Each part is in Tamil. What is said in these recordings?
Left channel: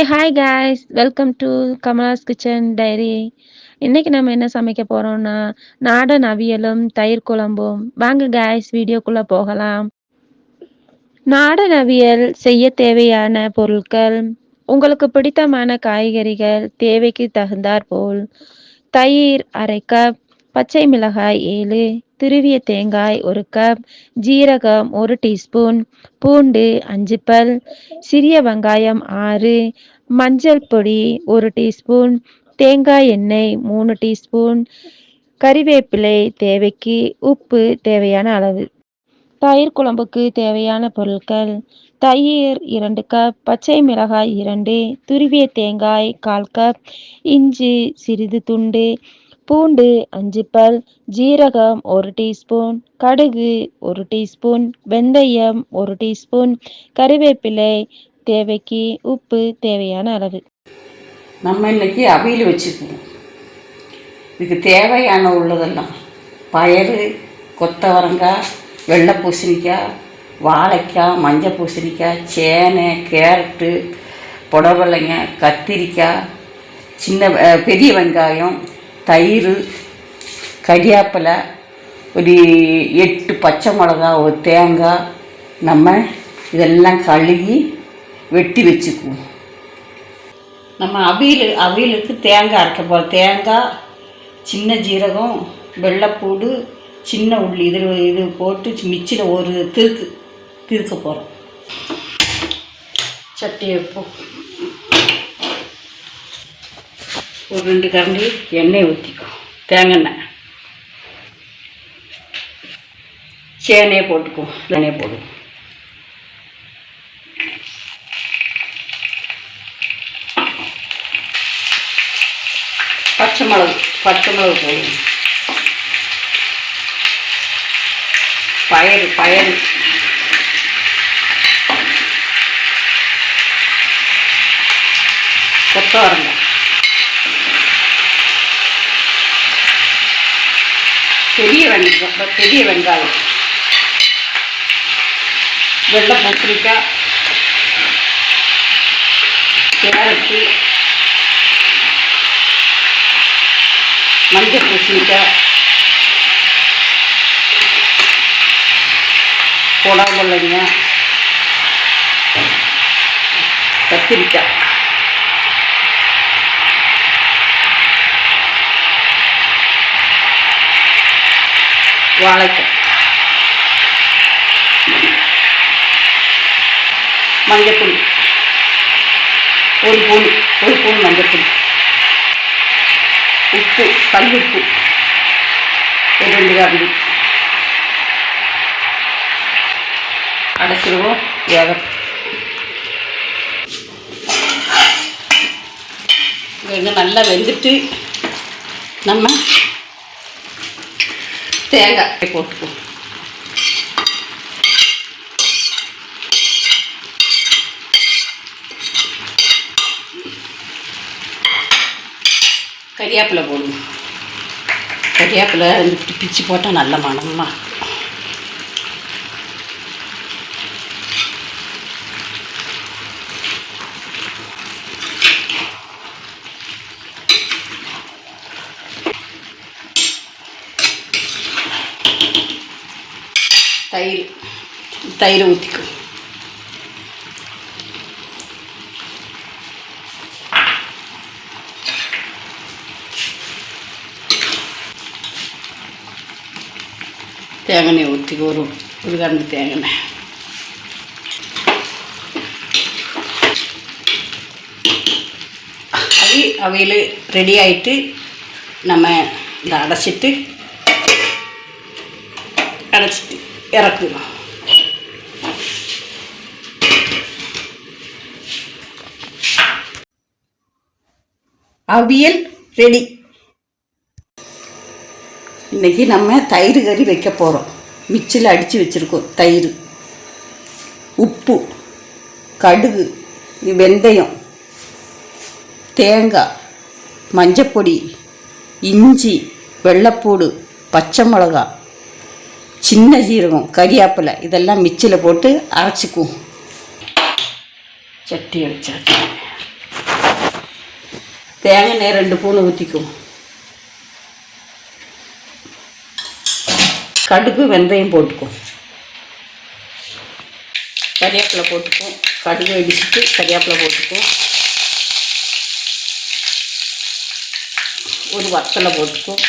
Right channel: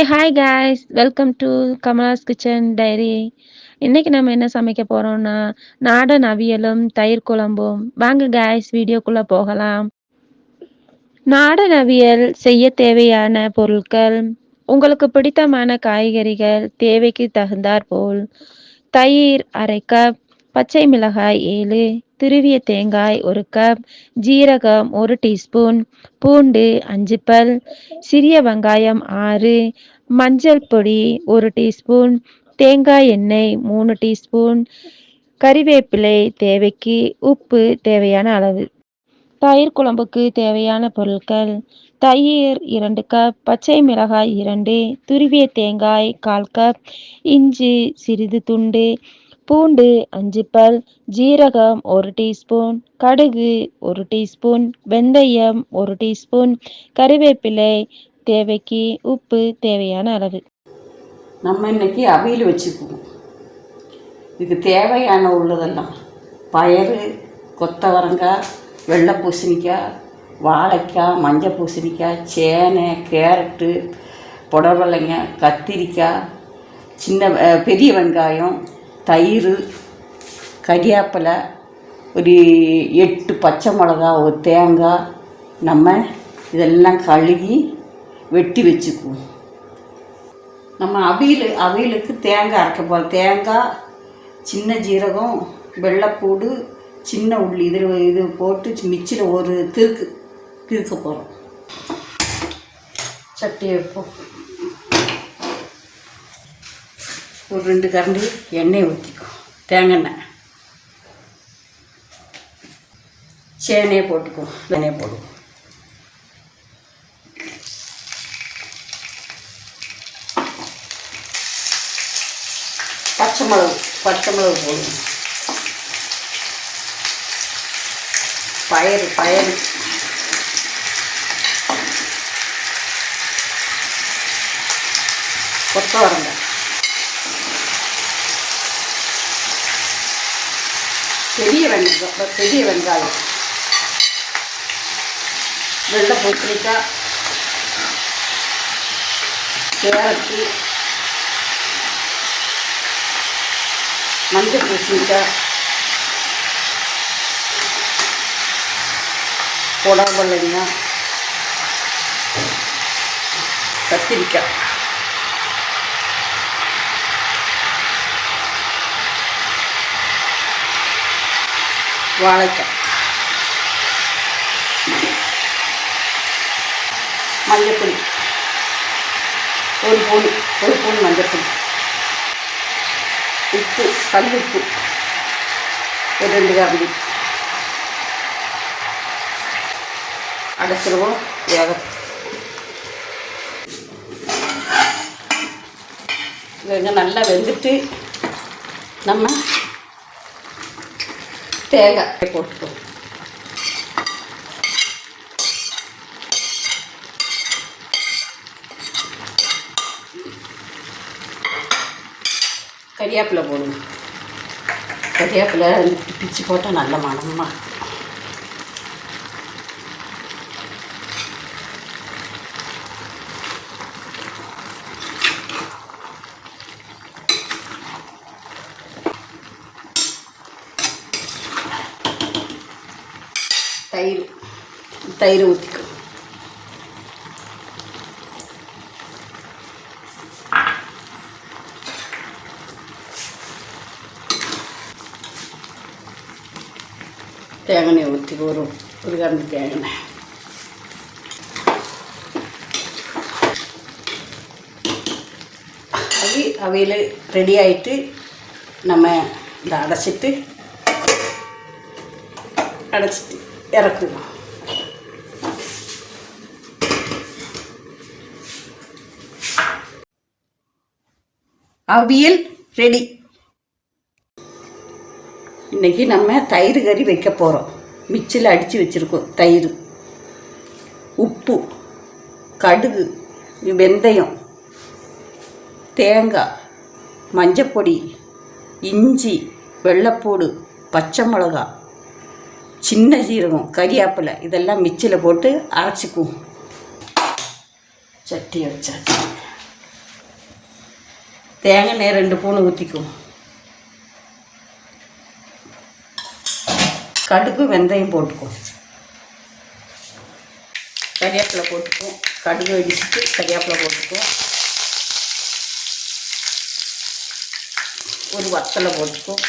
Hi guys, welcome to Kamala's kitchen diary. இன்னைக்கு நம்ம என்ன சமைக்க போறோம்னா நாடன் அவியலும் தயிர் குழம்பும். வாங்க காய்ஸ், வீடியோக்குள்ள போகலாம். நாடன் அவியல் செய்ய தேவையான பொருட்கள்: உங்களுக்கு பிடித்தமான காய்கறிகள் தேவைக்கு தகுந்தாற்போல், தயிர் 1/2 கப், பச்சை மிளகாய் 7, துருவிய தேங்காய் 1 கப், ஜீரகம் 1 டீஸ்பூன், பூண்டு 5 பல், சிறிய வெங்காயம் 6, மஞ்சள் பொடி 1 டீஸ்பூன், தேங்காய் எண்ணெய் 3 டீஸ்பூன், கறிவேப்பிலை தேவைக்கு, உப்பு தேவையான அளவு. தயிர் குழம்புக்கு தேவையான பொருட்கள்: தயிர் 2 கப், பச்சை மிளகாய் 2, துருவிய தேங்காய் 1/4 கப், இஞ்சி சிறிது துண்டு, பூண்டு 5 பல், ஜீரகம் 1 டீஸ்பூன், கடுகு 1 டீஸ்பூன், வெந்தயம் 1 டீஸ்பூன், கறிவேப்பிலை தேவைக்கு, உப்பு தேவையான அளவு. நம்ம இன்னைக்கு அவியல் வச்சுக்குவோம். இதுக்கு தேவையான உள்ளதெல்லாம் பயறு, கொத்தவரங்காய், வெள்ளை பூசணிக்காய், வாழைக்காய், மஞ்சள் பூசணிக்காய், சேனை, கேரட்டு, புடவலைங்க, கத்திரிக்காய், பெரிய வெங்காயம், தயிர், கறியாப்பிலை, ஒரு 8 பச்சை மிளகா, ஒரு தேங்காய். நம்ம இதெல்லாம் கழுவி வெட்டி வச்சுக்குவோம். நம்ம அவியலுக்கு தேங்காய் அரைக்க போகிறோம். தேங்காய், சின்ன ஜீரகம், வெள்ளைப்பூடு, சின்ன உள்ளி இது போட்டு மிக்சியில் ஒரு திருக்க போகிறோம். சட்டி வைப்போம். ஒரு 2 கரண்டி எண்ணெய் ஊற்றிக்கும். தேங்காய் எண்ணெய். சேனையை போட்டுக்குவோம். எண்ணெயை போடுவோம். பச்சை மிளகு போடுவோம். பயறு கொத்தவரங்காய், பெரிய வெங்காயம், வெள்ளை பூசணிக்காய், கேரட்டு, மஞ்சள் பூசணிக்காய், புடவலைங்க, கத்திரிக்காய், வாழைக்காய், மஞ்சப்பொடி ஒரு ஸ்பூன் மஞ்சப்பொடி, உப்பு, கல்லுப்பு ஒரு 2 கரண்டி. அடைச்சிடுவோம். வெங்காயம் நல்லா வெந்துட்டு நம்ம தேங்காய் போட்டுக்குவோம். கறிவேப்பிலை போடுவோம். கறிவேப்பிலை பிச்சு போட்டால் நல்ல மணமா. தயிர் ஊற்றிக்கும். தேங்காய் ஊற்றிக்கும். ஒரு கரண்டி தேங்காய். அவியல் ரெடி ஆகிட்டு நம்ம இதை அடைச்சிட்டு இறக்குவோம். அவியல் ரெடி. இன்றைக்கி நம்ம தயிர் கறி வைக்க போகிறோம். மிக்சியில் அடித்து வச்சுருக்கோம். தயிர், உப்பு, கடுகு, வெந்தயம், தேங்காய், மஞ்சப்பொடி, இஞ்சி, வெள்ளைப்பூடு, பச்சை மிளகா, சின்ன ஜீரகம், கறிவேப்பிலை இதெல்லாம் மிக்சியில் போட்டு அரைச்சிக்குவோம். சட்டியை வச்சாச்சு. தேங்காய் எண்ணெய் 2 ஸ்பூன் ஊற்றிக்கும். கடுகு வெந்தயம் போட்டுக்கும். கறிவேப்பிலை போட்டுக்கும். கடுகு வெடிச்சிட்டு கறிவேப்பிலை போட்டுக்கும். ஒரு வத்தலை போட்டுக்கும்.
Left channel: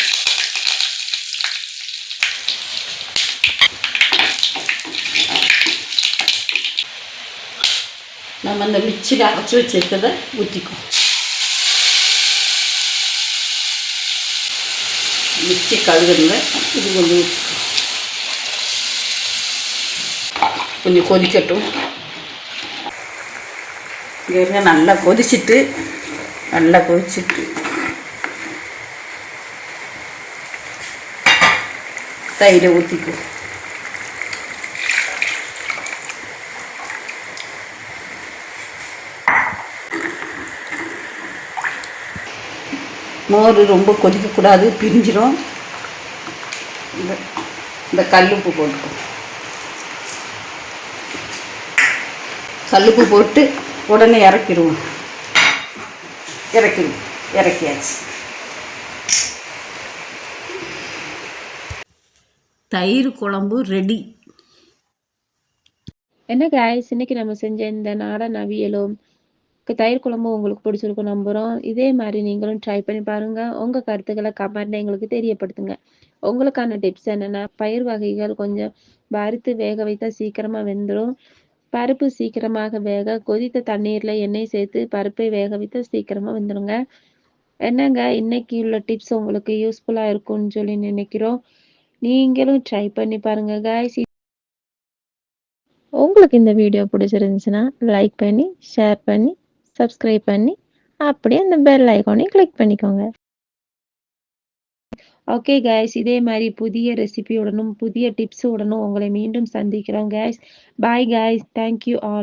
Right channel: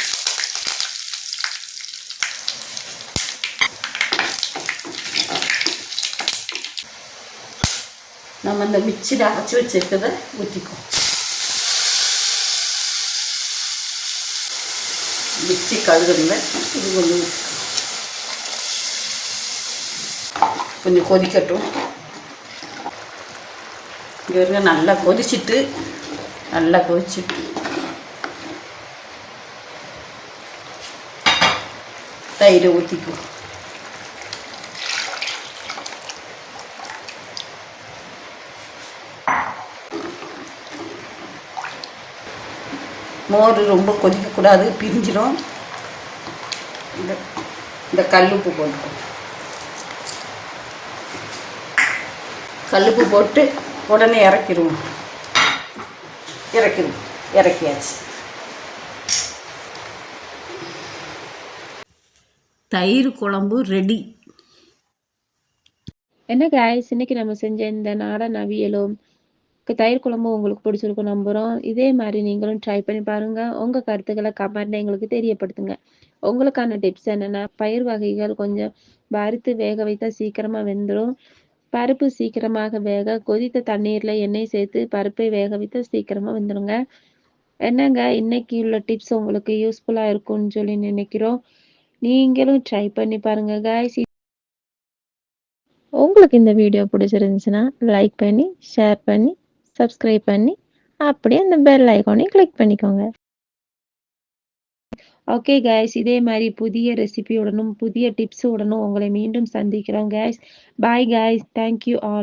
நம்ம அந்த மிக்சியில் அரைச்சி வச்சிருக்கிறத ஊற்றிக்கும். மிக்சி கழுகுங்க இது கொஞ்சம் ஊற்றிக்கும். கொஞ்சம் கொதிக்கட்டும். இங்கே இருங்க, நல்லா கொதிச்சிட்டு தயிரை ஊற்றிக்கும். மோர் ரொம்ப கொதிக்கக்கூடாது, பிரிஞ்சிடும். இந்த கல்லுப்பு போட்டுக்கும். கல்லுப்பு போட்டு உடனே இறக்கிடுவோம். இறக்கியாச்சு. தயிர் குழம்பு ரெடி. என்ன காய்ஸ், இன்னைக்கு நம்ம செஞ்ச இந்த நாடன் அவியலும் தயிர் குழம்பும் உங்களுக்கு பிடிச்சிருக்கும் நம்புகிறோம். இதே மாதிரி நீங்களும் ட்ரை பண்ணி பாருங்கள். உங்கள் கருத்துக்களை கமெண்ட்ல எங்களுக்கு தெரியப்படுத்துங்க. உங்களுக்கான டிப்ஸ் என்னென்னா, பயிர் வகைகள் கொஞ்சம் வறுத்து வேக வைத்தா சீக்கிரமாக வெந்துடும். பருப்பு சீக்கிரமாக வேக கொதித்த தண்ணீரில் எண்ணெய் சேர்த்து பருப்பை வேக வைத்தா சீக்கிரமாக வெந்துடுங்க. என்னங்க, இன்னைக்கு உள்ள டிப்ஸ் உங்களுக்கு யூஸ்ஃபுல்லாக இருக்கும்னு சொல்லி நினைக்கிறோம். நீங்களும் ட்ரை பண்ணி பாருங்க காய்ஸ். உங்களுக்கு இந்த வீடியோ பிடிச்சிருந்துச்சுன்னா லைக் பண்ணி, ஷேர் பண்ணி, சப்ஸ்கிரைப் பண்ணி, அப்படியே அந்த பெல் ஐகானையும் கிளிக் பண்ணிக்கோங்க. ஓகே காய்ஸ், இதே மாதிரி புதிய ரெசிபியுடனும் புதிய டிப்ஸுடனும் உங்களை மீண்டும் சந்திக்கிறோம் guys. Bye guys, thank you all.